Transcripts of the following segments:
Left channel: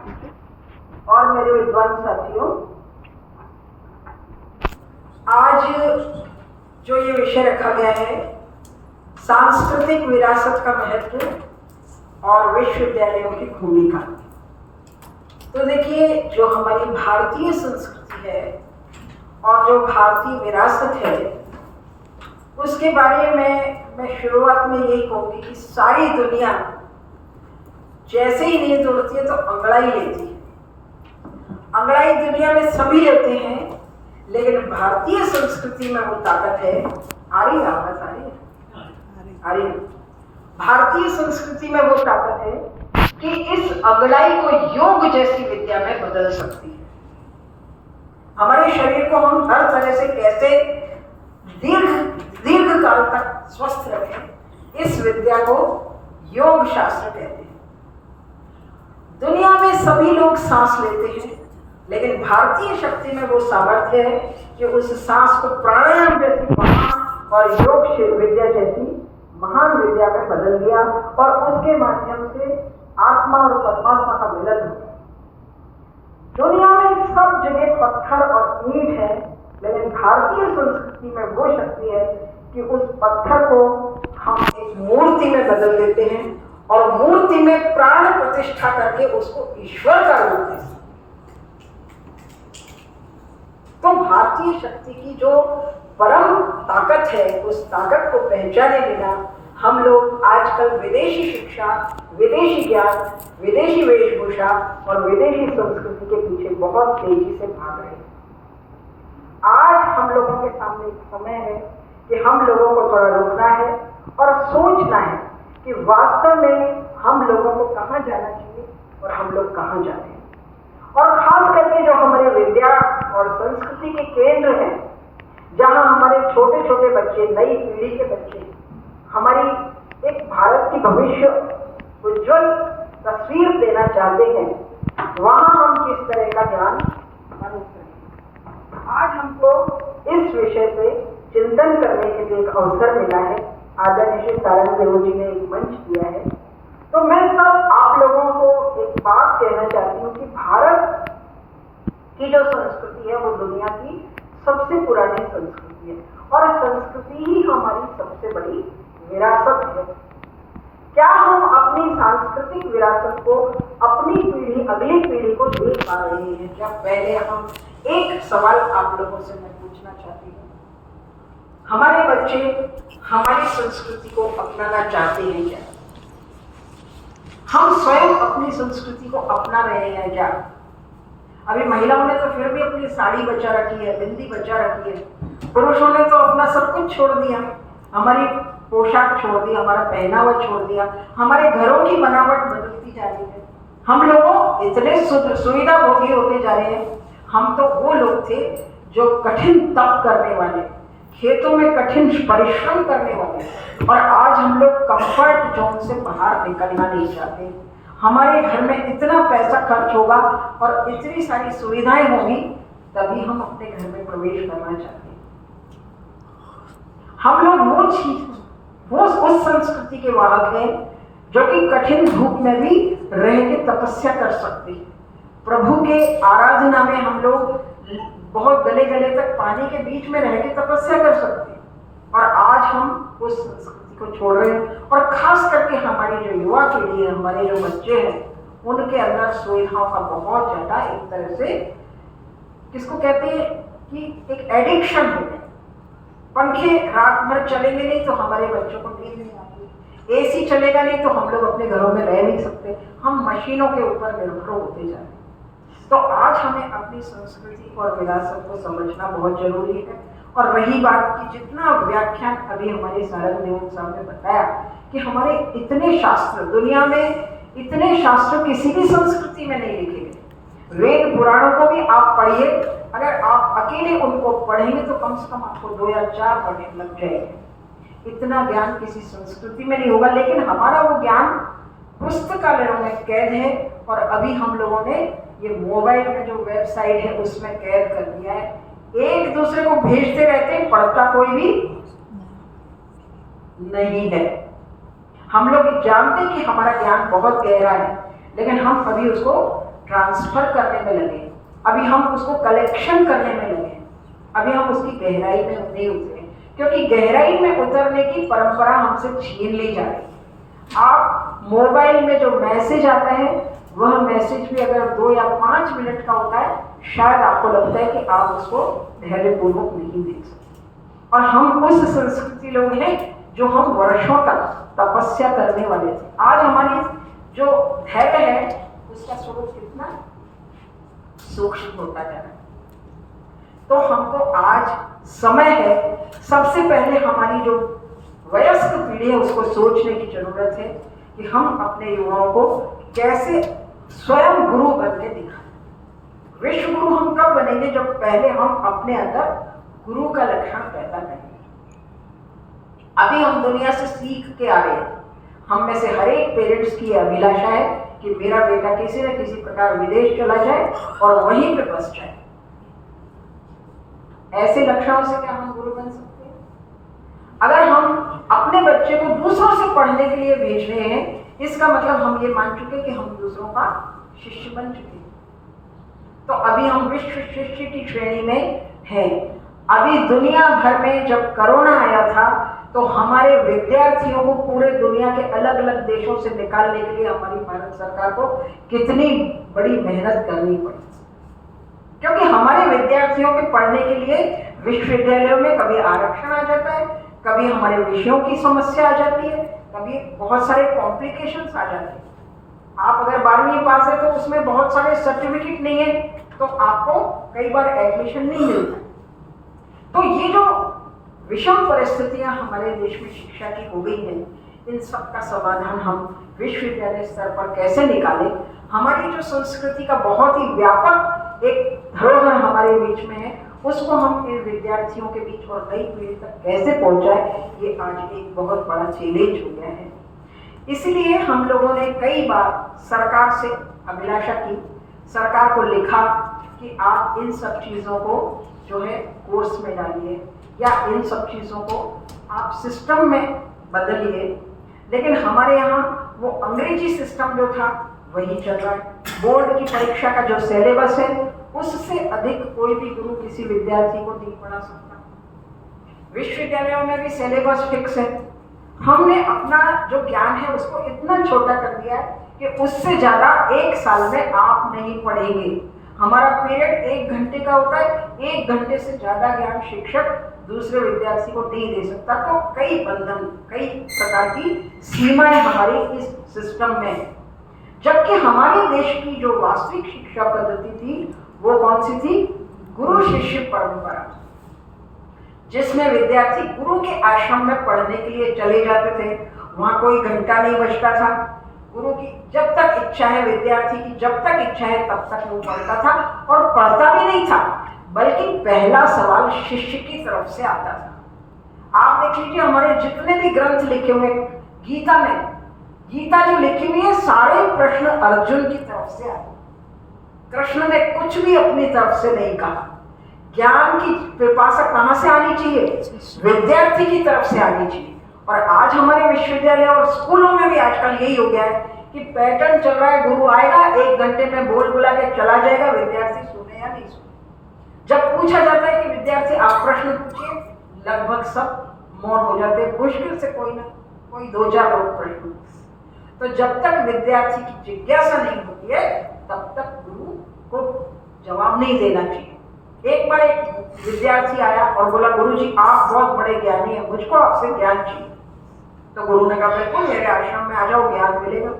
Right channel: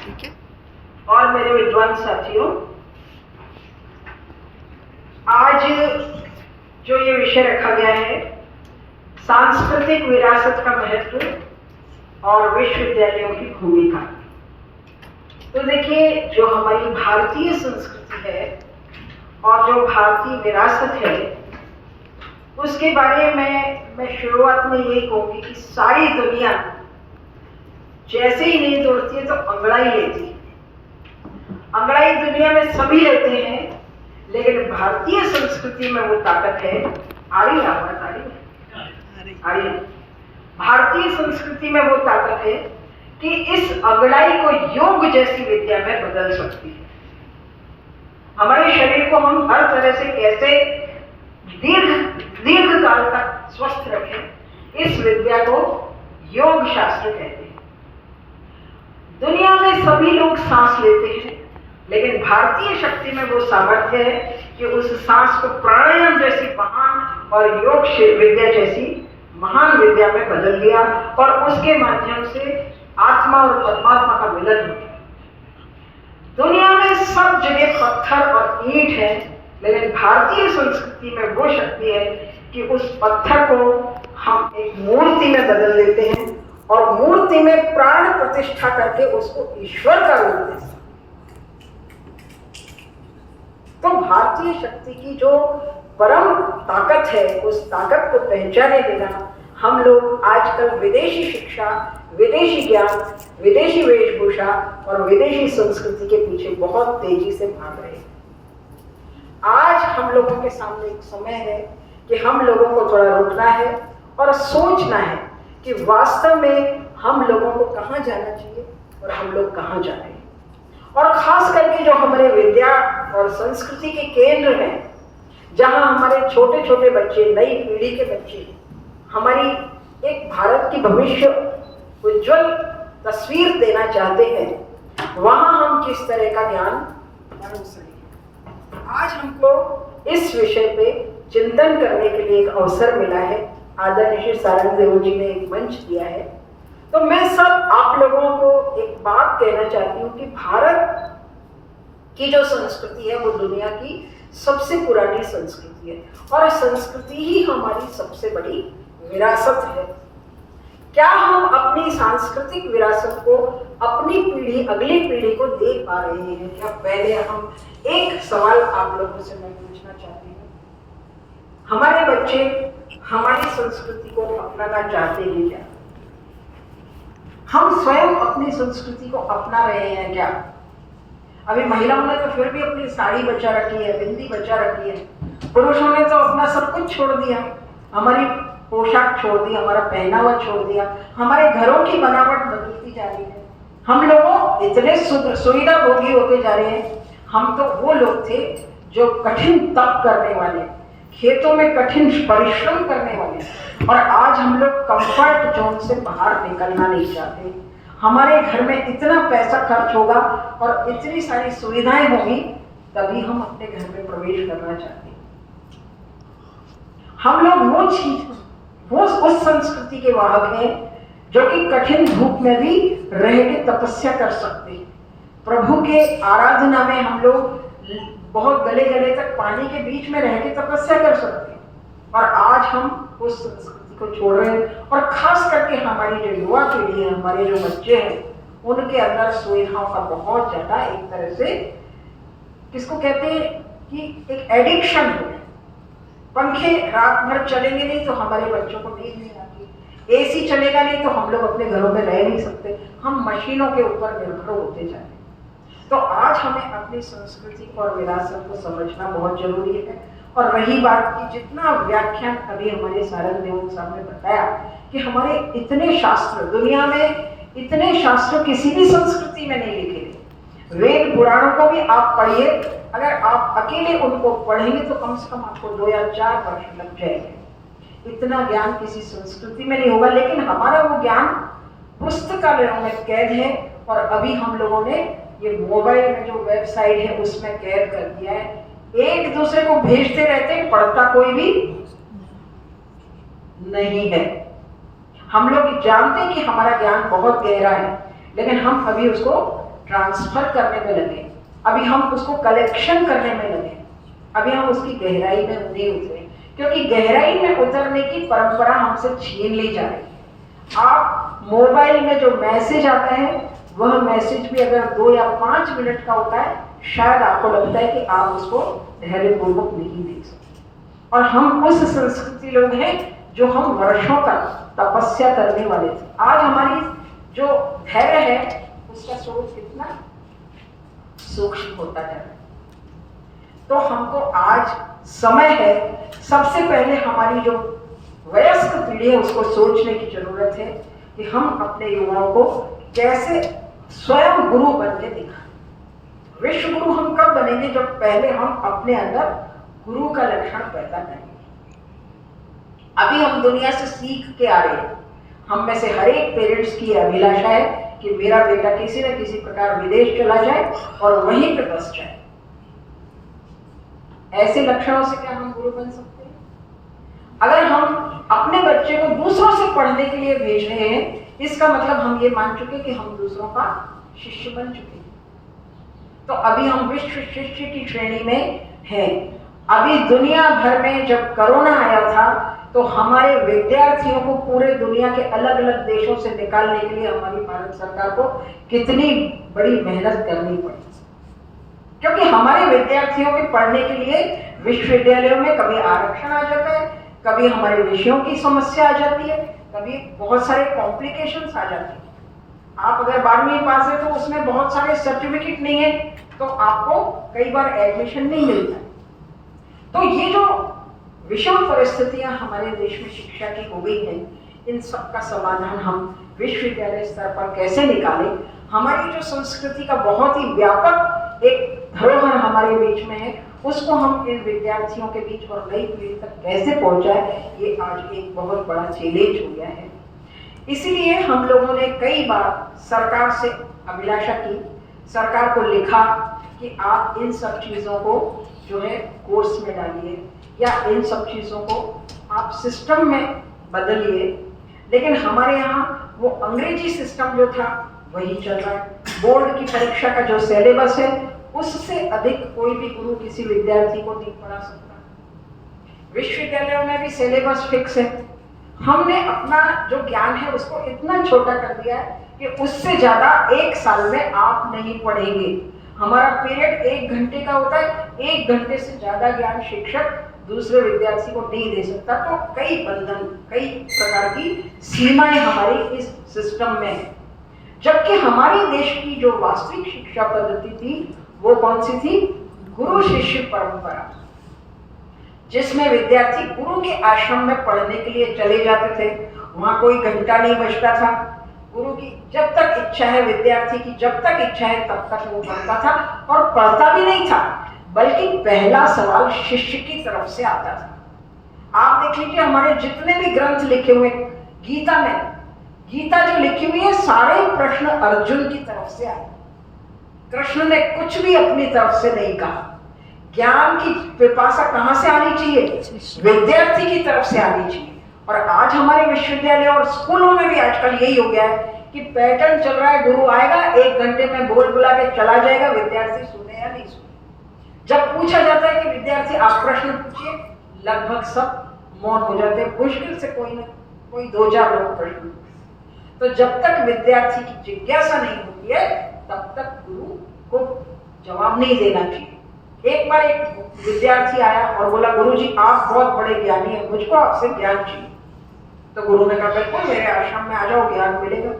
ठीक है। और मेरे विद्वान साथियों, आज जो ये विषय रखा गया है, सांस्कृतिक विरासत का महत्व और विश्वविद्यालयों की भूमिका। तो देखिए, जो हमारी भारतीय संस्कृति है और जो भारतीय विरासत है, उसके बारे में मैं शुरुआत में यही कहूँगी कि सारी दुनिया जैसे ही नींद उड़ती है तो अंगड़ाई लेती है। अंगड़ाई दुनिया में सभी लेते हैं, लेकिन भारतीय संस्कृति में वो ताकत है। आ रही आवाज? आ रही। भारतीय संस्कृति में वो ताकत है कि इस अंगड़ाई को योग जैसी विद्या में बदल सकती है। हमारे शरीर को हम हर तरह से कैसे दीर्घ काल तक स्वस्थ रखें, इस विद्या को योग शास्त्र कहते हैं। दुनिया में सभी लोग सांस लेते हैं, लेकिन भारतीय शक्ति में वो सामर्थ्य है कि उस सांस को प्राणायाम जैसी महान और योग विद्या जैसी महान विद्या में बदल दिया और उसके माध्यम से आत्मा और परमात्मा का मिलन हो गया। दुनिया में सब जगह पत्थर और ईंट है, लेकिन भारतीय संस्कृति में वो शक्ति है कि उस पत्थर को हम एक मूर्ति में बदल देते हैं और मूर्ति में प्राण प्रतिष्ठा करके उसको ईश्वर का रूप देते हैं। तो भारतीय शक्ति की जो परम ताकत है, उस ताकत को पहचाने बिना हम लोग आजकल विदेशी शिक्षा, विदेशी ज्ञान, विदेशी वेशभूषा और विदेशी संस्कृति के पीछे बहुत तेजी से भाग रहे हैं। आज हम लोगों के सामने एक समय है कि हम लोगों को थोड़ा रुकना है और सोचना है कि वास्तव में हम लोगों को कहाँ जाना चाहिए और हम लोग कहाँ जा रहे हैं। और खास करके जो हमारे विद्या और संस्कृति के केंद्र हैं, जहाँ हमारे छोटे छोटे बच्चे, नई पीढ़ी के बच्चे हमारी एक भारत की भविष्य उज्जवल तस्वीर देना चाहते हैं, वहाँ हम किस तरह का ज्ञान मानव सकें। आज हमको इस विषय पे चिंतन करने के लिए एक अवसर मिला है। आदरणीय श्री सारंग देव जी ने एक मंच दिया है। तो मैं सब आप लोगों को एक बात कहना चाहती हूँ कि भारत की जो संस्कृति है वो दुनिया की सबसे पुरानी संस्कृति है और संस्कृति ही हमारी सबसे बड़ी विरासत है। क्या हम अपनी सांस्कृतिक विरासत को अपनी पीढ़ी, अगली पीढ़ी को दे पा रहे हैं क्या? पहले हम एक सवाल आप लोगों से मैं पूछना चाहती हूँ, हमारे बच्चे हमारी संस्कृति को अपनाना चाहते हैं क्या? हम स्वयं अपनी संस्कृति को अपना रहे हैं क्या? अभी महिलाओं ने तो फिर भी अपनी साड़ी बचा रखी है, बिंदी बचा रखी है। पुरुषों ने तो अपना सब कुछ छोड़ दिया, हमारी पोशाक छोड़ दी, हमारा पहनावा छोड़ दिया, हमारे घरों की बनावट बदलती जा रही है। हम लोग इतने सुविधा भोगी होते जा रहे हैं। हम तो वो लोग थे जो कठिन तप करने वाले, खेतों में कठिन परिश्रम करने वाले, और आज हम लोग कंफर्ट जोन से बाहर निकलना नहीं चाहते। हमारे घर में इतना पैसा खर्च होगा और इतनी सारी सुविधाएं होगी, तभी हम अपने घर में प्रवेश करना चाहते हैं। हम लोग वो चीज, वो उस संस्कृति के वाहक हैं जो कि कठिन धूप में भी रह के तपस्या कर सकते हैं। प्रभु के आराधना में हम लोग बहुत गले गले तक पानी के बीच में रह के तपस्या कर सकते हैं, और आज हम उस संस्कृति को छोड़ रहे हैं। और खास करके हमारी जो युवा पीढ़ी है, हमारे जो बच्चे हैं, उनके अंदर सुविधाओं का बहुत ज्यादा एक तरह से, किसको कहते हैं कि एक एडिक्शन हो गया। पंखे रात भर चलेंगे नहीं तो हमारे बच्चों को नींद नहीं आती, एसी चलेगा नहीं तो हम लोग अपने घरों में रह नहीं सकते, हम मशीनों के ऊपर निर्भर होते जा रहे हैं। तो आज हमें अपनी संस्कृति और विरासत को समझना बहुत जरूरी है। और रही बात की, जितना व्याख्यान अभी हमारे सारंग देव साहब ने बताया कि हमारे इतने शास्त्र, दुनिया में इतने शास्त्र किसी भी संस्कृति में नहीं लिखे गए। वेद पुराणों को भी आप पढ़िए, अगर आप अकेले उनको पढ़ेंगे तो कम से कम आपको 2 या 4 वर्ष लग जाएंगे। इतना ज्ञान किसी संस्कृति में नहीं होगा, लेकिन हमारा वो ज्ञान पुस्तकालयों में कैद है। और अभी हम लोगों ने ये मोबाइल में जो वेबसाइट है उसमें कैद कर दिया है। एक दूसरे को भेजते रहते हैं, पढ़ता कोई भी नहीं है। हम लोग जानते हैं कि हमारा ज्ञान बहुत गहरा है, लेकिन हम अभी उसको ट्रांसफर करने में लगे, अभी हम उसको कलेक्शन करने में लगे, अभी हम उसकी गहराई में नहीं उतरे, क्योंकि गहराई में उतरने की परंपरा हमसे छीन ली जा रही है। आप मोबाइल में जो मैसेज आता है वह मैसेज भी अगर 2 या 5 मिनट का होता है, शायद आपको लगता है कि आप उसको धैर्यपूर्वक नहीं देख सकते। और हम उस संस्कृति लोग हैं जो हम वर्षों तक तपस्या करने वाले थे। आज हमारी जो धैर्य है उसका स्वरूप कितना सूक्ष्म होता जा रहा है। तो हमको आज समय है, सबसे पहले हमारी जो वयस्क पीढ़ी है उसको सोचने की जरूरत है कि हम अपने युवाओं को कैसे स्वयं गुरु बन के दिखाएं। विश्व गुरु हम कब बनेंगे? जब पहले हम अपने अंदर गुरु का लक्षण पैदा करेंगे। अभी हम दुनिया से सीख के आ रहे हैं। हम में से हर एक पेरेंट्स की अभिलाषा है कि मेरा बेटा किसी न किसी प्रकार विदेश चला जाए और वहीं पे बस जाए। ऐसे लक्षणों से क्या हम गुरु बन सकते हैं? अगर हम अपने बच्चे को दूसरों से पढ़ने के लिए भेज रहे हैं, इसका मतलब हम ये मान चुके कि हम दूसरों का शिष्य बन चुके हैं। तो अभी हम विश्व शिष्य की श्रेणी में हैं। अभी दुनिया भर में जब कोरोना आया था तो हमारे विद्यार्थियों को पूरे दुनिया के अलग अलग देशों से निकालने के लिए हमारी भारत सरकार को कितनी बड़ी मेहनत करनी पड़ी, क्योंकि हमारे विद्यार्थियों के पढ़ने के लिए विश्वविद्यालयों में कभी आरक्षण आ जाता है, कभी हमारे विषयों की समस्या आ जाती है, कभी बहुत सारे कॉम्प्लिकेशंस आ जाते हैं। आप अगर 12वीं पास है तो उसमें बहुत सारे सर्टिफिकेट नहीं है तो आपको कई बार एडमिशन नहीं मिलता। तो ये जो विषम परिस्थितियां हमारे देश में शिक्षा की हो गई हैं, इन सब का समाधान हम विश्वविद्यालय स्तर पर कैसे निकालें? हमारी जो संस्कृति का बहुत ही व्यापक एक धरोहर हमारे बीच में है, उसको हम इन विद्यार्थियों के बीच और नई पीढ़ी तक कैसे पहुंचाए, ये आज एक बहुत बड़ा चैलेंज हो गया है। इसलिए हम लोगों ने कई बार सरकार से अभिलाषा की, सरकार को लिखा कि आप इन सब चीज़ों को जो है कोर्स में डालिए या इन सब चीज़ों को आप सिस्टम में बदलिए। लेकिन हमारे यहाँ वो अंग्रेजी सिस्टम जो था वही चल रहा है। बोर्ड की परीक्षा का जो सिलेबस है उससे अधिक कोई भी गुरु किसी विद्यार्थी को नहीं पढ़ा सकता। विश्वविद्यालयों में भी सिलेबस फिक्स है। हमने अपना जो ज्ञान है उसको इतना छोटा कर दिया है कि उससे ज्यादा 1 साल में आप नहीं पढ़ेंगे। हमारा पीरियड 1 घंटे का होता है, 1 घंटे से ज्यादा ज्ञान शिक्षक दूसरे विद्यार्थी को नहीं दे सकता। तो कई बंधन, कई प्रकार की सीमाएं हमारी इस सिस्टम में है। जबकि हमारे देश की जो वास्तविक शिक्षा पद्धति थी वो कौन सी थी? गुरु शिष्य परंपरा, जिसमें विद्यार्थी गुरु के आश्रम में पढ़ने के लिए चले जाते थे। वहां कोई घंटा नहीं बजता था। गुरु की जब तक इच्छा है, विद्यार्थी की जब तक इच्छा है तब तक वो पढ़ता था, और पढ़ता भी नहीं था बल्कि पहला सवाल शिष्य की तरफ से आता था। आप देख लीजिए हमारे जितने भी ग्रंथ लिखे हुए, गीता में, गीता जो लिखी हुई है सारे प्रश्न अर्जुन की तरफ से आए। कृष्ण ने कुछ भी अपनी तरफ से नहीं कहा। ज्ञान की पिपासा कहां से आनी चाहिए? विद्यार्थी की तरफ से आनी चाहिए। और आज हमारे विश्वविद्यालय और स्कूलों में भी आजकल यही हो गया है कि पैटर्न चल रहा है, गुरु आएगा 1 घंटे में बोल बुला के चला जाएगा, विद्यार्थी सुने या नहीं सुने। जब पूछा जाता है कि विद्यार्थी आप प्रश्न पूछिए, लगभग सब मौन हो जाते हैं। मुश्किल से कोई ना कोई 2-4 लोग प्रश्न पूछते। तो जब तक विद्यार्थी की जिज्ञासा नहीं होती है तब तक गुरु को जवाब नहीं देना चाहिए। एक बार एक विद्यार्थी आया और बोला, गुरुजी आप बहुत बड़े ज्ञानी हैं, मुझको आपसे ज्ञान चाहिए। तो गुरु ने कहा बिल्कुल मेरे आश्रम में आ जाओ, ज्ञान मिलेगा।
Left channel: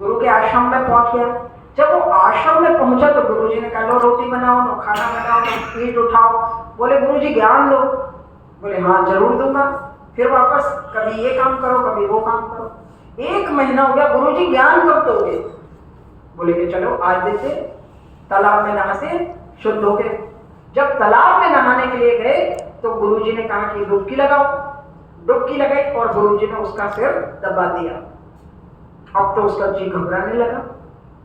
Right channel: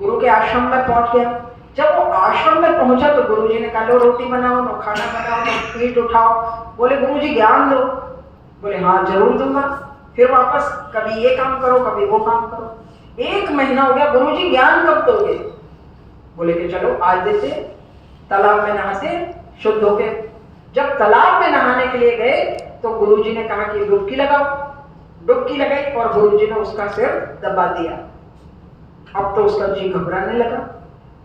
गुरु के आश्रम में पहुंच गया। जब वो आश्रम में पहुंचा तो गुरुजी ने कहा लो रोटी बनाओ, लो खाना बनाओ, लो पीठ उठाओ। बोले गुरुजी ज्ञान दो। बोले हाँ जरूर दूंगा। फिर वापस कभी ये काम करो, कभी वो काम करो। 1 महीना हो गया, गुरुजी ज्ञान कब दोगे? बोले कि चलो आज देते। तालाब में नहाते शुद्ध हो गए। जब तालाब में नहाने के लिए गए तो गुरुजी ने कहा कि डुबकी लगाओ। डुबकी लगाई और गुरुजी ने उसका सिर दबा दिया। अब तो उसका जी घबराने लगा।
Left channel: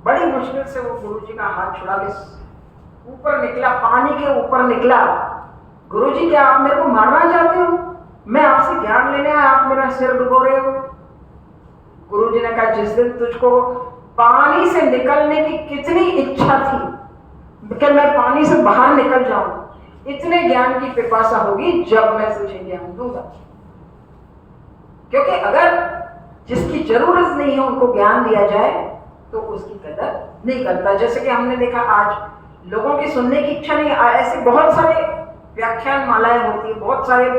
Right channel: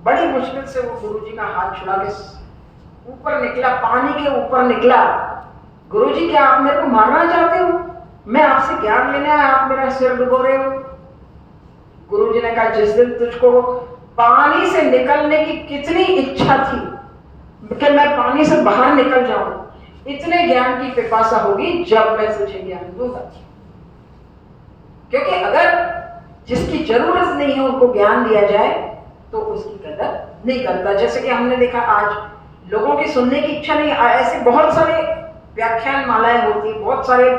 बड़ी मुश्किल से वो गुरुजी का हाथ छुड़ा के ऊपर निकला, पानी के ऊपर निकला। गुरुजी क्या आप मेरे को मारना चाहते हो? मैं आपसे ज्ञान लेने आया, आप मेरा सिर डुबो रहे हो। गुरुजी ने कहा जिस दिन तुझको पानी से निकलने की कितनी इच्छा थी कि मैं पानी से बाहर निकल जाऊं, इतने ज्ञान की पिपासा होगी जब मैं तुझे ज्ञान दूंगा। क्योंकि अगर जिसकी जरूरत नहीं है उनको ज्ञान दिया जाए तो उसकी कदर नहीं करता। जैसे कि हमने देखा आज लोगों की सुनने की इच्छा नहीं, ऐसे बहुत सारे व्याख्यान मालाएं होती है, बहुत सारे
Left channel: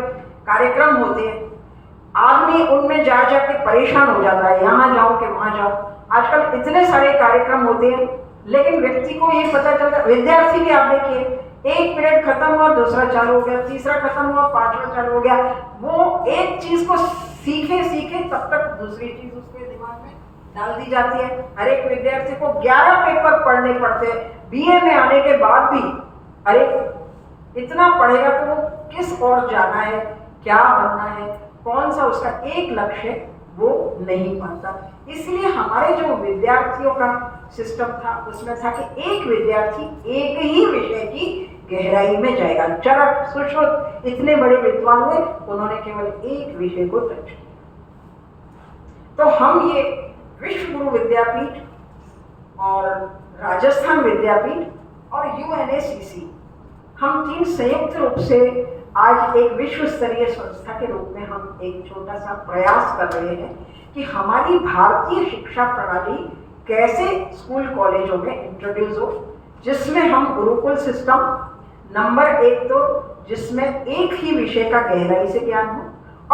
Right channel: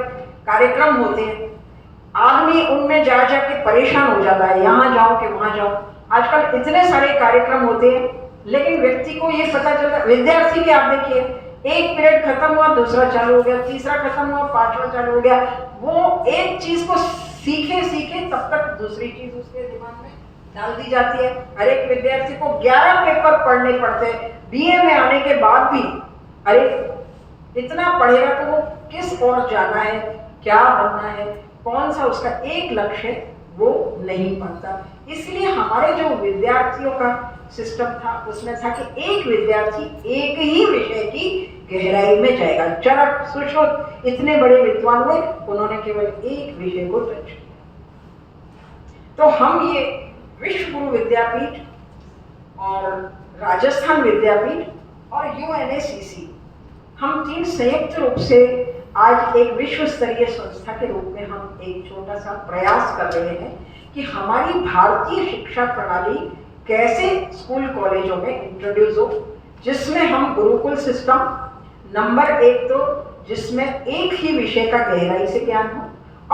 कार्यक्रम होते हैं, आदमी उनमें जा जाके परेशान हो जाता है, यहाँ जाओ कि वहां जाओ। आजकल इतने सारे कार्यक्रम होते हैं लेकिन व्यक्ति को ये पता चलता, विद्यार्थी भी आप देखिए, एक पीरियड खत्म हुआ दूसरा चालू हो गया, तीसरा खत्म हुआ पांचवा चालू हो गया। वो एक चीज को सीखे सीखे तब तक दूसरी चीज उसके दिमाग में डाल दी जाती है। हर एक विद्यार्थी को 11 पेपर पढ़ने पड़ते हैं बीए में आने के बाद भी। अरे इतना पढ़ेगा तो वो किस ओर जाना है, क्या बनना है, कौन सा उसका एक लक्ष्य है, वो नहीं पाता। इसलिए हमारे जो विद्यार्थियों का सिस्टम था उसमें था कि एक विद्यार्थी एक ही विषय की गहराई में जाएगा। चरक सुश्रुत इतने बड़े विद्वान हुए, उन्होंने केवल एक विषय को टच किया। तो हम ये विश्व गुरु विद्यापीठ और राजस्थान विद्यापीठ और यूएनएसीसी, हम तीन संयुक्त रूप से आज एक विश्व स्तरीय संस्था के रूप में हम एक छोटा सा प्रयास कर रहे हैं कि हमारी भारतीय शिक्षा प्रणाली कैसे स्कूल कॉलेजों में इंट्रोड्यूस हो, जिसमें हम गुरुकुल सिस्टम नंबर 1 तो जिसमें एक ही विषय का गहराई से ज्ञान हो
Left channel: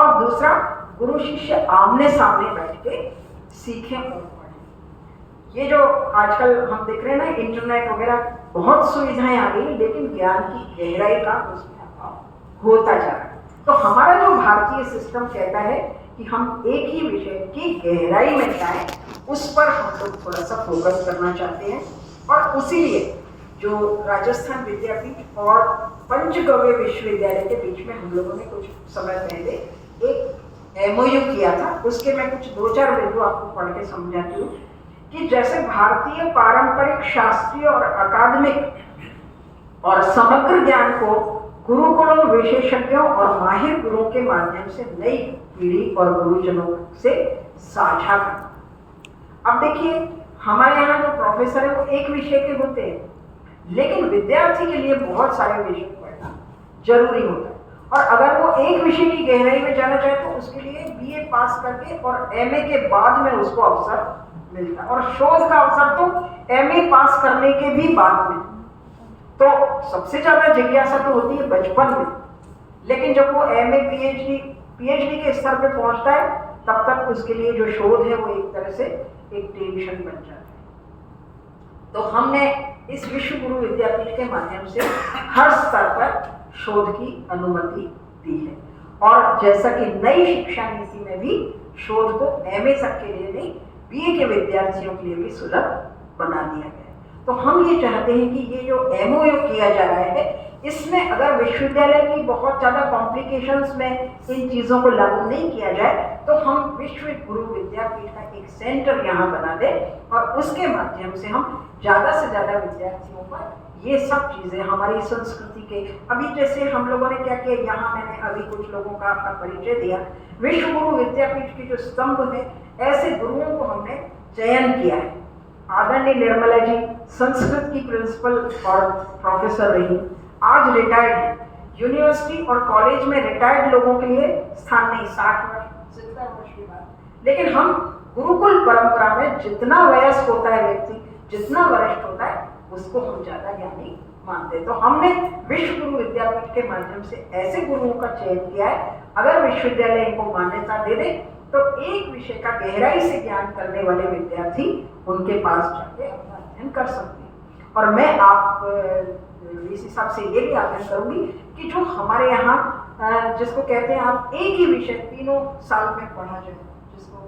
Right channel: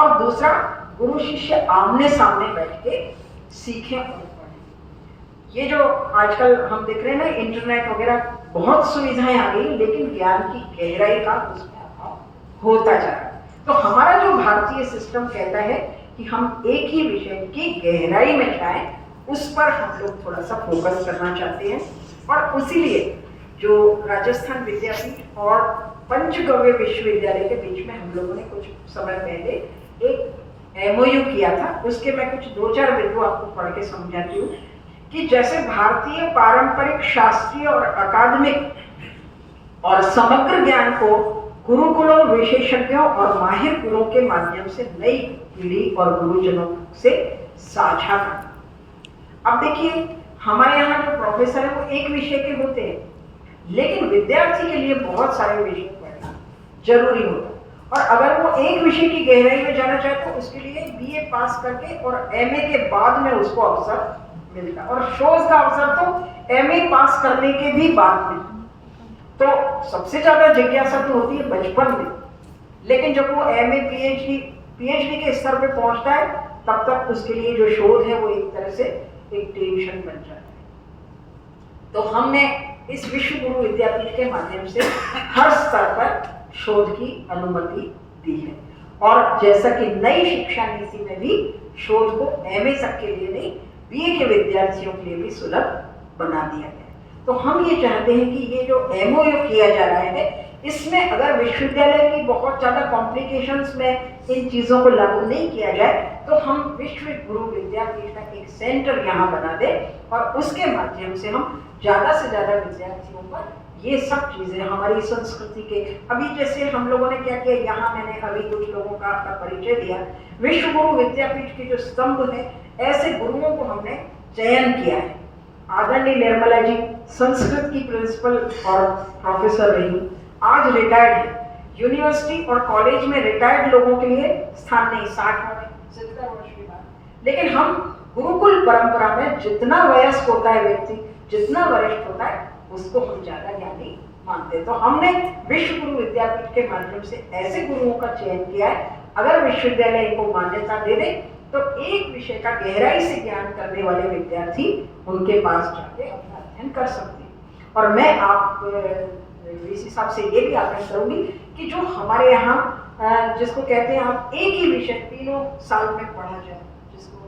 और दूसरा गुरु शिष्य आमने सामने बैठ के सीखें और पढ़ें। ये जो आजकल हम देख रहे हैं ना, इंटरनेट वगैरह बहुत सुविधाएं आ गई, लेकिन ज्ञान की गहराई का उसमें अभाव होता जा रहा है। तो हमारा जो भारतीय सिस्टम कहता है कि हम एक ही विषय की गहराई में जाएं, उस पर हम लोग थोड़ा सा फोकस करना चाहते हैं। और इसीलिए जो राजस्थान विद्यापीठ और पंचगव्य विश्वविद्यालय के बीच में हम लोगों ने कुछ समय पहले एक MOU किया था, उसके मैं कुछ 2-4 बिंदु आपको पढ़ के समझाती हूँ कि जैसे भारतीय पारंपरिक शास्त्रीय और अकादमिक और समग्र ज्ञान को गुरुकुलों, विशेषज्ञों और माहिर गुरुओं के माध्यम से नई पीढ़ी और गुरुजनों से साझा करना। अब देखिए, हमारे यहाँ जो प्रोफेसर है वो एक विषय के होते हैं, लेकिन विद्यार्थी के लिए बहुत सारे विषय पढ़ना जरूरी होता है। और अगर वो एक विषय की गहराई में जाना चाहे तो उसके लिए BA पास करके और MA के बाद में उसको अवसर मिलता है, और शोध का अवसर तो MA पास करने के भी बाद में। तो सबसे ज्यादा जिज्ञासा तो होती है बचपन में, लेकिन जब वो MA PhD के स्तर पे पहुंचता है तब तक उसके लिए जो शोध है वो एक तरह से एक टेंशन बन जाता है। तो हमने इस विश्व गुरु विद्यापीठ के माध्यम से हर स्तर पर शोध की अनुमति दी है, और जैसा कि नई शिक्षा नीति में भी शोध को MA तक के लिए नहीं, BA के विद्यार्थियों के लिए भी सुलभ बना दिया गया है। तो हम ये चाहते हैं कि ये जो MOU किया जा रहा है, इसमें अगर विश्वविद्यालय की बहुत ज़्यादा कॉम्प्लिकेशंस में इन चीज़ों को लागू नहीं किया जाए तो हम विश्व गुरु विद्यापीठ का एक सेंटर यहाँ बना दें और उसके माध्यम से हम ज़्यादा से ज़्यादा विद्यार्थियों पर ये सब चीज़ें हमारी संस्कृति के, अभी जैसे हम लोगों ने क्या किया, यहाँ मैंने अभी कुछ लोगों का अपना परिचय दिया। विश्व गुरु विद्यापीठ के जो स्तंभ है, ऐसे गुरुओं को हमने चयन किया है। आदरणीय निर्मला जी संस्कृत की प्रिंसिपल और प्रोफेसर रही, आज रिटायर्ड है। यूनिवर्सिटी और कॉलेज में रिटायर्ड लोगों के लिए स्थान नहीं, 60 वर्ष 70 वर्ष के बाद, लेकिन हम गुरुकुल परंपरा में जितना वयस्क होता है व्यक्ति, जितना वरिष्ठ होता है, उसको हम ज्यादा ज्ञानी मानते हैं। तो हमने विश्व गुरु विद्यापीठ के माध्यम से ऐसे गुरुओं का चयन किया है, अगर विश्वविद्यालय इनको मान्यता दे दे तो एक विषय का गहराई से ज्ञान करने वाले विद्यार्थी उनके पास जाके अपना अध्ययन कर सकते हैं। और मैं आप इस हिसाब से ये भी आग्रह करूंगी कि जो हमारे यहाँ जिसको कहते हैं आप एक ही विषय 3 साल में पढ़ा जाए, जिसको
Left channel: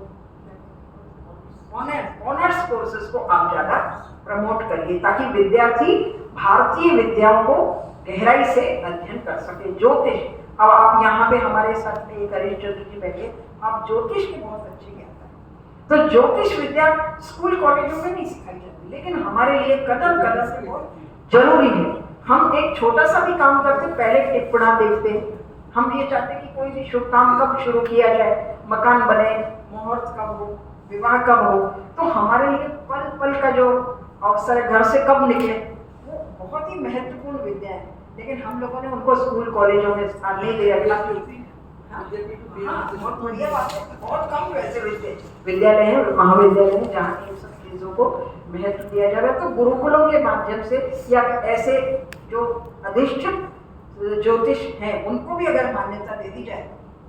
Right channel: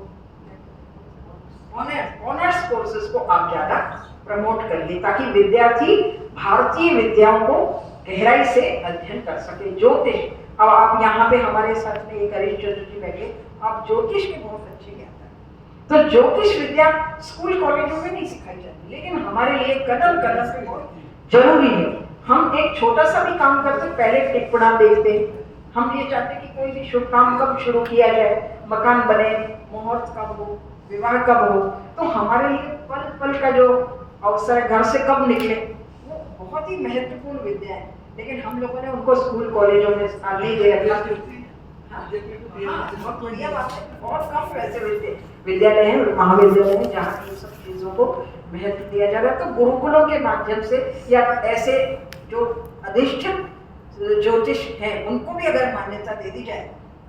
ऑनर्स कोर्सेज को आप ज्यादा प्रमोट करिए, ताकि विद्यार्थी भारतीय विद्याओं को गहराई से अध्ययन कर सके। ज्योतिष, अब आप यहाँ पे हमारे साथ में एक हरीश चंद्र जी बैठे, आप ज्योतिष के बहुत अच्छे ज्ञाता हैं, तो ज्योतिष विद्या स्कूल कॉलेजों में नहीं सिखाई जाती, लेकिन हमारे लिए कदम कदम पे बहुत जरूरी है। हम एक छोटा सा भी काम करते पहले टिप्पणा देखते हैं। हम ये चाहते कि कोई भी शुभ काम कब शुरू किया जाए, मकान बने, मुहूर्त कब हो, विवाह कब हो, तो हमारे लिए पल पल का जो अवसर है, घर से कब निकले, वो बहुत ही महत्वपूर्ण विद्या है। लेकिन हम लोगों ने उनको स्कूल कॉलेजों में स्थान नहीं दिया। बहुत बढ़िया बात है, बहुत कम वैसे विद्यालय हैं, महाविद्यालय हैं जहाँ इन सब चीज़ों को महत्व दिया जा रहा है। तो गुरुकुलों के माध्यम से या ऐसे जो अधिष्ठित ज्योतिष हैं उनको भी अगर मान्यता दे दी जाए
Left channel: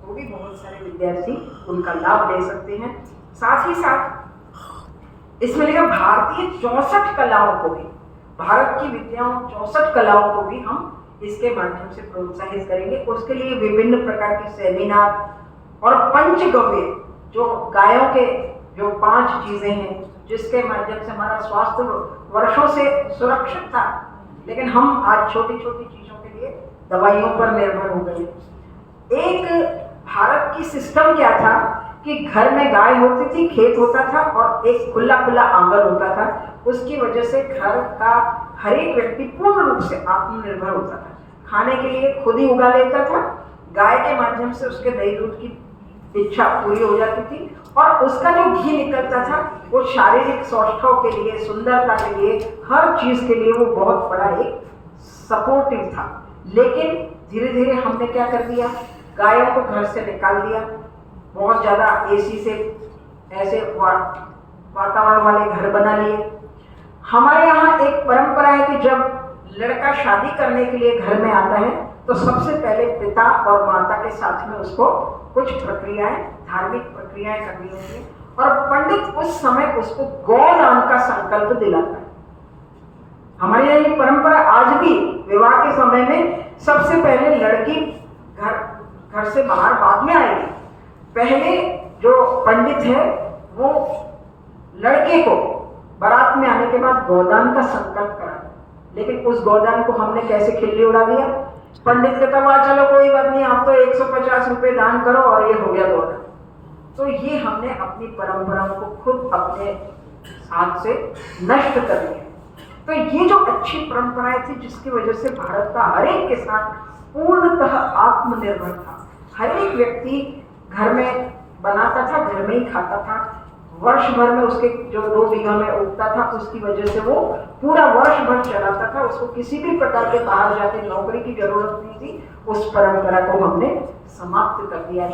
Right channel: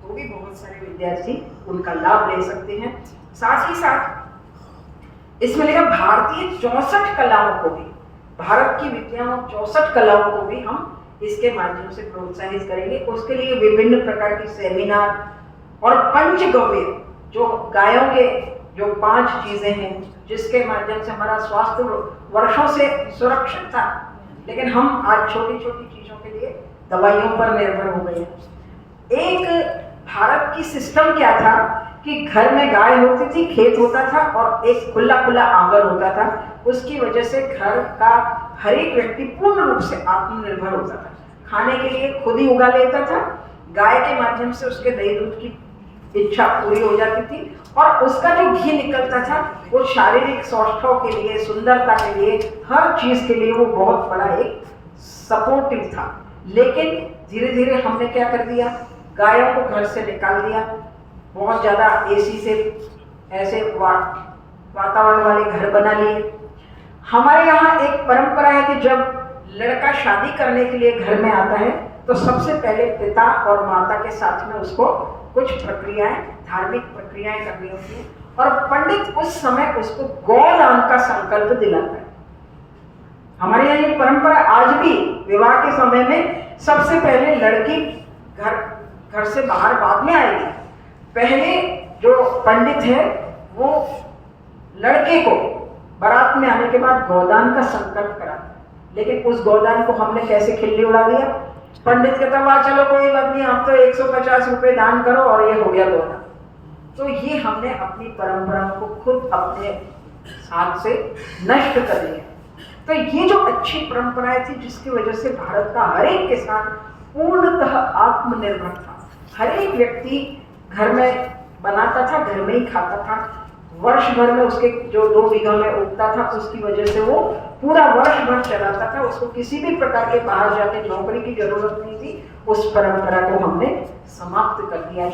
तो भी बहुत सारे विद्यार्थी उनका लाभ ले सकते हैं। साथ ही साथ इसमें लिखा भारतीय 64 कलाओं को भी, भारत की विद्याओं 64 कलाओं को भी हम इसके माध्यम से प्रोत्साहित करेंगे। उसके लिए विभिन्न प्रकार की सेमिनार और पंचगव्य, जो गायों के जो 5 चीजें हैं जिसके माध्यम से हमारा स्वास्थ्य वर्षों से सुरक्षित था, लेकिन हम आज छोटी छोटी चीजों के लिए दवाइयों पर निर्भर हो गए। एक भारत की सिस्टम क्या था कि घर में गाय होती थी, खेत होता था और एक खुला खुला आंगन होता था। उसकी वजह से घर का हर एक व्यक्ति पूर्ण रूप से आत्मनिर्भर होता था, खाने के लिए खुद ही उगा लेता था। गाय के माध्यम से उसके दही दूध की इच्छा पूरी हो जाती थी और उसका जो घी निकलता था वो शारीरिक सौष्ठव के लिए, सुंदरता के लिए, हर चीज के लिए वो बहुत बड़ा एक सपोर्टिव था। लेकिन धीरे धीरे हमने क्या कर दिया, गायों को घर से निकाल दिया, बहुत ज्यादा एसी से ऐसे वातावरण वाले घर बना लिए। हमारे यहाँ एक परंपरा है कि जब लड़का शादी करने के लिए घर में आता है तो सबसे पहले पिता और माता के साथ में उसको कुछ प्रक्रियाएं, धार्मिक प्रक्रियाएं करनी होती है और पंडित उस समय उसको गौदान का संकल्प दिलाता है। हमारे यहाँ ये परंपरा आज भी विवाह के समय में सबसे पहले लड़की घर से बाहर बाद में आएगी। पहले जो पंडित है वो लड़के को बारात में आने के बाद गौदान का संकल्प कराता है। लेकिन उस गौदान को हमने कैसे खिल्ली उड़ा दिया। पंडित कहता हुआ चलो कोई बात नहीं, आप तो 150 रुपए दान करो और ये हो गया गौदान। तो ये हमने अपनी परंपरा को खुद अपने हाथ से नष्ट कर दिया। तो ये जो अच्छी परंपराएं थी जिसकी वजह से भारत का हर एक किसान पूर्णतः आत्मनिर्भर था। हर एक व्यक्ति घर में बनाता था, घर में ही खाता था। वर्ष भर में उसके जो 2 बीघा में उगता था उसकी वजह से वो पूरा वर्ष भर चलाता था। उसको किसी भी प्रकार के बाहर जाके नौकरी की जरूरत नहीं थी। उस परंपरा को हमने समाप्त कर दिया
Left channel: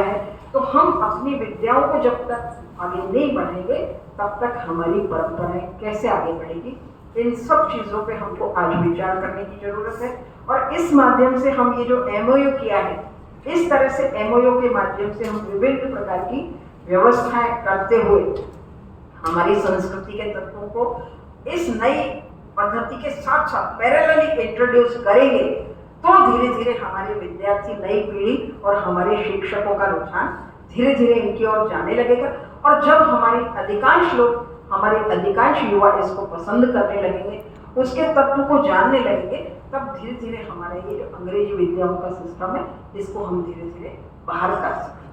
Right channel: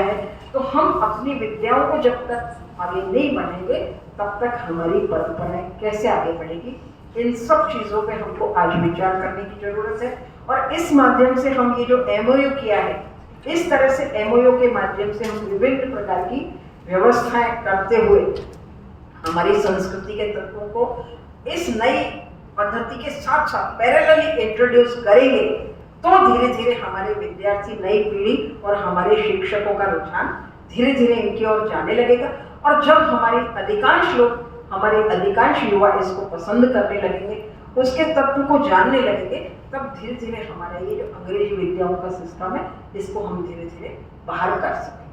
है। तो हम अपनी विद्याओं को जब तक आगे नहीं बढ़ेंगे तब तक हमारी परंपराएं कैसे आगे बढ़ेगी। इन सब चीजों पे हमको आज विचार करने की जरूरत है। और इस माध्यम से हम ये जो MOU किया है, इस तरह से MOU के माध्यम से हम विभिन्न प्रकार की व्यवस्थाएं करते हुए हमारी संस्कृति के तत्वों को इस नई पद्धति के साथ साथ पैरेलली इंट्रोड्यूस करेंगे तो धीरे धीरे हमारे विद्यार्थी, नई पीढ़ी और हमारे शिक्षकों का रुझान धीरे धीरे इनकी ओर जाने लगेगा। और जब हमारे अधिकांश युवा इसको पसंद करने लगेंगे, उसके तत्व को जानने लगेंगे, तब धीरे धीरे हमारा ये जो अंग्रेजी विद्याओं का सिस्टम है इसको हम धीरे धीरे बाहर कर सकेंगे।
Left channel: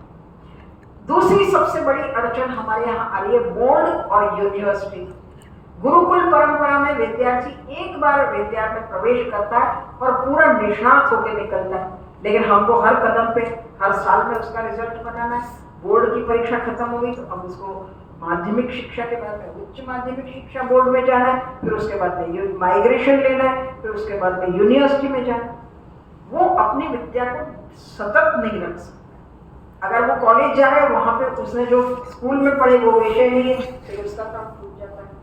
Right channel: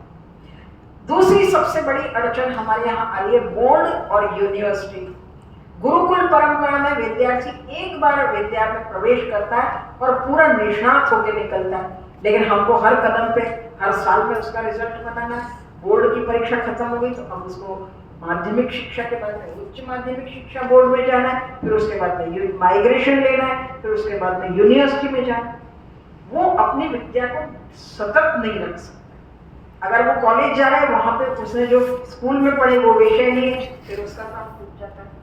दूसरी सबसे बड़ी अड़चन हमारे यहाँ आ रही है बोर्ड और यूनिवर्सिटी। गुरुकुल परंपरा में विद्यार्थी एक बार विद्या में प्रवेश करता है और पूरा निष्णात होकर निकलता है। लेकिन हमको हर कदम पे, हर साल में उसका रिजल्ट बनाना है। बोर्ड की परीक्षा खत्म हो गई तो अब उसको माध्यमिक शिक्षा के बाद में उच्च माध्यमिक शिक्षा बोर्ड में जाना है, फिर उसके बाद में माइग्रेशन लेना है, फिर उसके बाद में यूनिवर्सिटी में जाना है। वो अपनी विद्या को सतत नहीं रख सकता। अगर वो कॉलेज जा रहा है, वहां पे उसने जो स्कूल में पढ़े वो विषय नहीं है, फिर उसका काम छूट जाता है।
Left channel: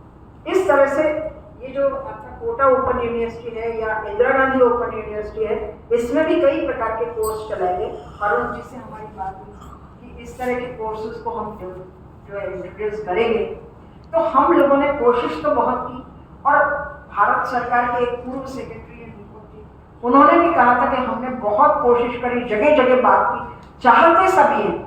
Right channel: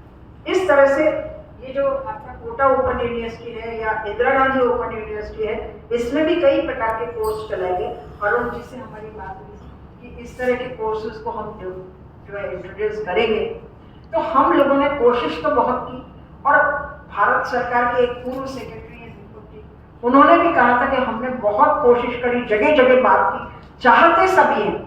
इस तरह से ये जो आपका कोटा ओपन यूनिवर्सिटी है या इंदिरा गांधी ओपन यूनिवर्सिटी है, इसमें भी कई प्रकार के कोर्स चलाए गए। अरुण जी से हमारी बात हुई कि इस तरह के कोर्सेज को हम जो है इंट्रोड्यूस करेंगे। तो हम लोगों ने कोशिश तो बहुत की और भारत सरकार के एक पूर्व सेक्रेटरी हैं दीपक जी, उन्होंने भी कहा था कि हमने बहुत कोशिश करी, जगह जगह बात की, चाहते सभी हैं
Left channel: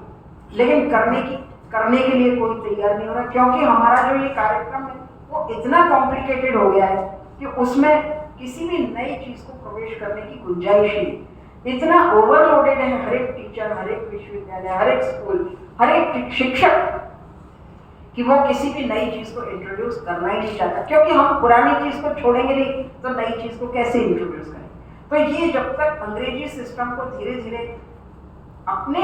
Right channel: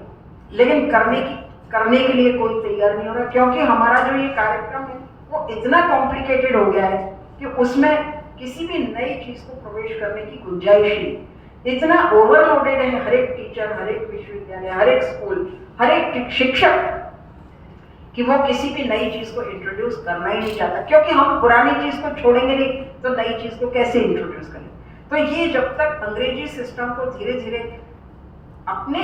लेकिन करने के लिए कोई तैयार नहीं हो रहा। क्योंकि हमारा जो ये कार्यक्रम है वो इतना कॉम्प्लिकेटेड हो गया है कि उसमें किसी भी नई चीज को प्रवेश करने की गुंजाइश नहीं। इतना ओवरलोडेड है हर एक टीचर, हर एक विश्वविद्यालय, हर एक स्कूल, हर एक शिक्षक कि वो किसी भी नई चीज को इंट्रोड्यूस करना ही नहीं चाहता। क्योंकि हम पुरानी चीज को छोड़ेंगे नहीं तो नई चीज को कैसे इंट्रोड्यूस करें। तो ये जब तक अंग्रेजी सिस्टम को धीरे धीरे अपने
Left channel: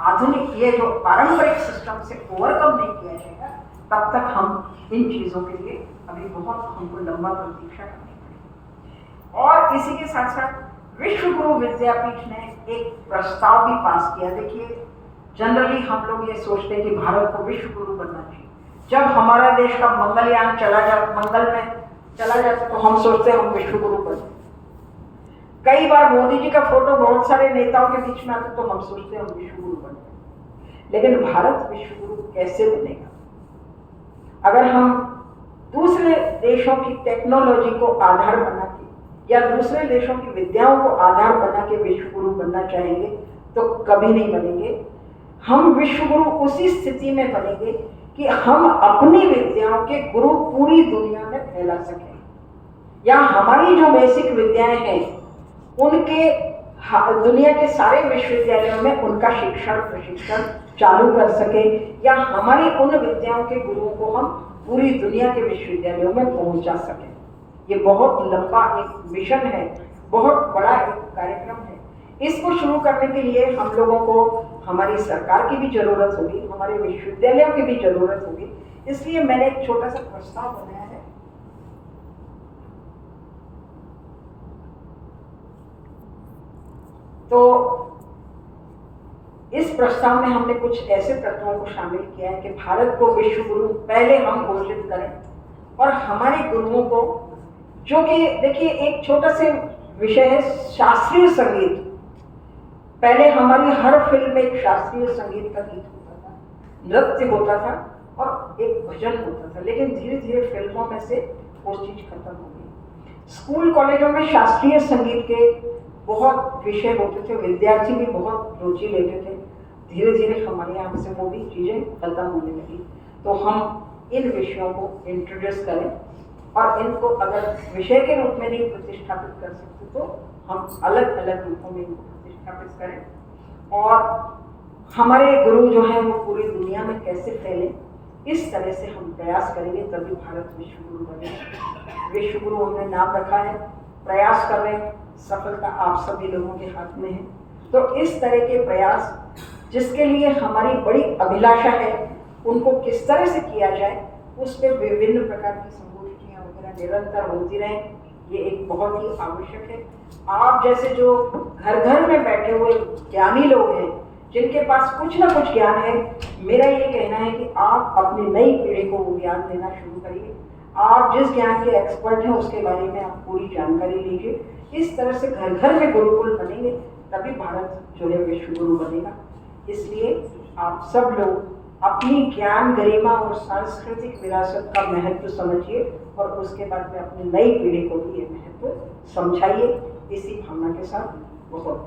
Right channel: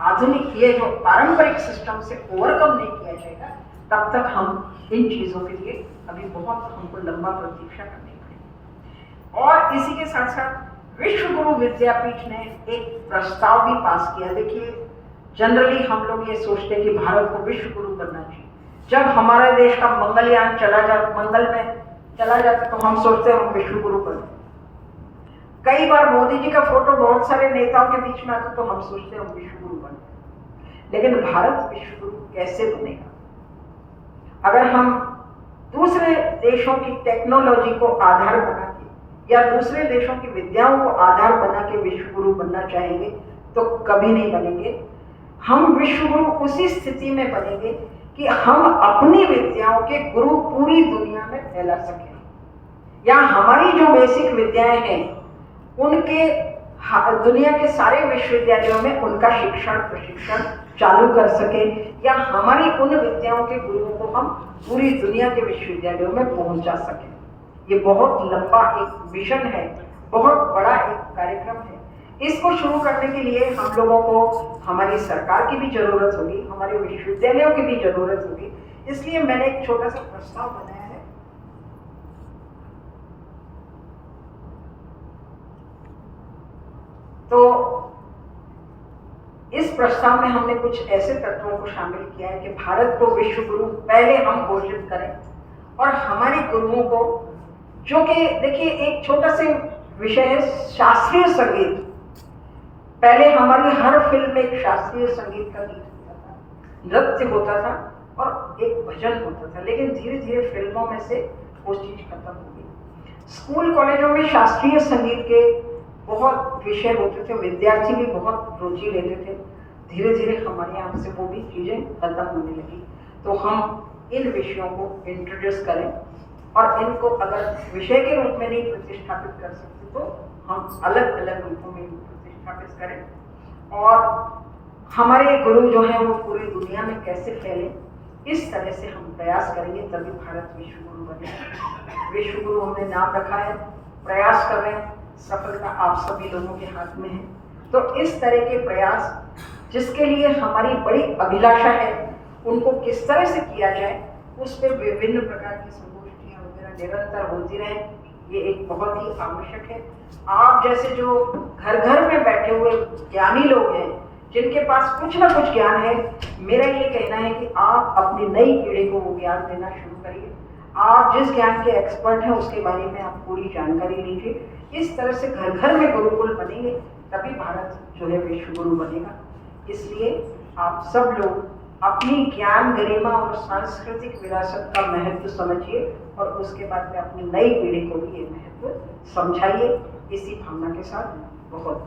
आधुनिक ये जो पारंपरिक सिस्टम से ओवरकम नहीं किया जाएगा, तब तक हम इन चीज़ों के लिए अभी बहुत हमको लंबा प्रतीक्षा करनी पड़ेगी। और इसी के साथ साथ विश्व गुरु विद्यापीठ ने एक प्रस्ताव भी पास किया। देखिए, जनरली हम लोग ये सोचते हैं कि भारत को विश्व गुरु बनना चाहिए। जब हमारा देश का मंगलयान मंगल में चला जाता तो हम सोचते हैं हम विश्व गुरु बने। कई बार मोदी जी का फोटो बहुत सारे नेताओं के बीच में आता तो हम सोचते हैं हम विश्व गुरु बने। लेकिन भारत विश्व गुरु कैसे बनेगा? अगर हम दूसरे देशों की टेक्नोलॉजी को आधार बना के या दूसरे देशों की विद्याओं को आधार बना के विश्व गुरु बनना चाहेंगे तो कभी नहीं बनेंगे। हम विश्व गुरु उसी स्थिति में बनेंगे कि हम अपनी विद्याओं के गुरु पूरी दुनिया में फैला सकें, या हमारी जो बेसिक विद्याएं हैं उनके दुनिया के सारे विश्वविद्यालयों में उनका शिक्षण प्रशिक्षण चालू कर सके, या हमारी उन विद्याओं के गुरुओं को हम पूरी दुनिया के विश्वविद्यालयों में पहुंचा सकें। ये बहुत लंबा एक मिशन है, बहुत बड़ा एक कार्यक्रम है। इसको शुरू करने के लिए हम लोगों को हमारी सरकार की भी जरूरत होगी, हमारे विश्वविद्यालयों की भी जरूरत होगी। इसलिए मैंने एक छोटा सा प्रस्ताव बनाया है। तो इस प्रस्ताव में हमने कुछ ऐसे तत्वों को शामिल किया है कि भारत को विश्व गुरु पहले हम घोषित करें, और हमारे गुरुओं को, जो कि देखिए एक छोटा सा विषय है शास्त्रीय संगीत। पहले हमारी हर फिल्म में एक शास्त्रीय संगीत का गीत होता था, नृत्य होता था और एक भजन होता था, लेकिन धीरे धीरे फिल्मों में से वो चीज खत्म हो गई। स्कूल कॉलेजों में शास्त्रीय संगीत के बहुत विषय होते थे, विद्यार्थी भी बहुत रुचि लेते थे। धीरे धीरे हमारे यहाँ से वो भी चीजें खत्म होने लगी। तो हम इन विषयों को इंट्रोड्यूस करें, और इनको अगर विषय के रूप में नहीं प्रतिष्ठापित कर सकते तो हम अलग अलग रूपों में इनको प्रतिष्ठापित करें, और हमारे गुरु जो हैं वो पूरी दुनिया में कैसे फैले, इस तरह से हम प्रयास करेंगे, तभी भारत विश्व गुरु बनेगा। विश्व गुरु हमने नाम रखा है, प्रयास कर रहे हैं, सफलता आप सभी लोगों के हाथ में है। तो इस तरह के प्रयास जिसके लिए हमारी बड़ी अभिलाषा है, उनको किस तरह से किया जाए, उस पर विभिन्न प्रकार की संगोष्ठियाँ वगैरह निरंतर होती रहें, ये एक बहुत ही आवश्यक है। आप जैसे जो घर घर में बैठे हुए ज्ञानी लोग हैं, जिनके पास कुछ ना कुछ ज्ञान है, मेरा ये कहना है कि आप अपनी नई पीढ़ी को वो ज्ञान देना शुरू करिए। आप जिस ज्ञान के एक्सपर्ट हैं उसके बारे में आप पूरी जानकारी लीजिए। इस तरह से घर घर में गुरुकुल बनेंगे, तभी भारत जो है विश्व गुरु बनेगा। इसलिए आप सब लोग अपनी ज्ञान गरिमा और सांस्कृतिक विरासत का महत्व समझिए, और उसके बाद में अपनी नई पीढ़ी को भी ये महत्व समझाइए। इसी भावना के साथ बहुत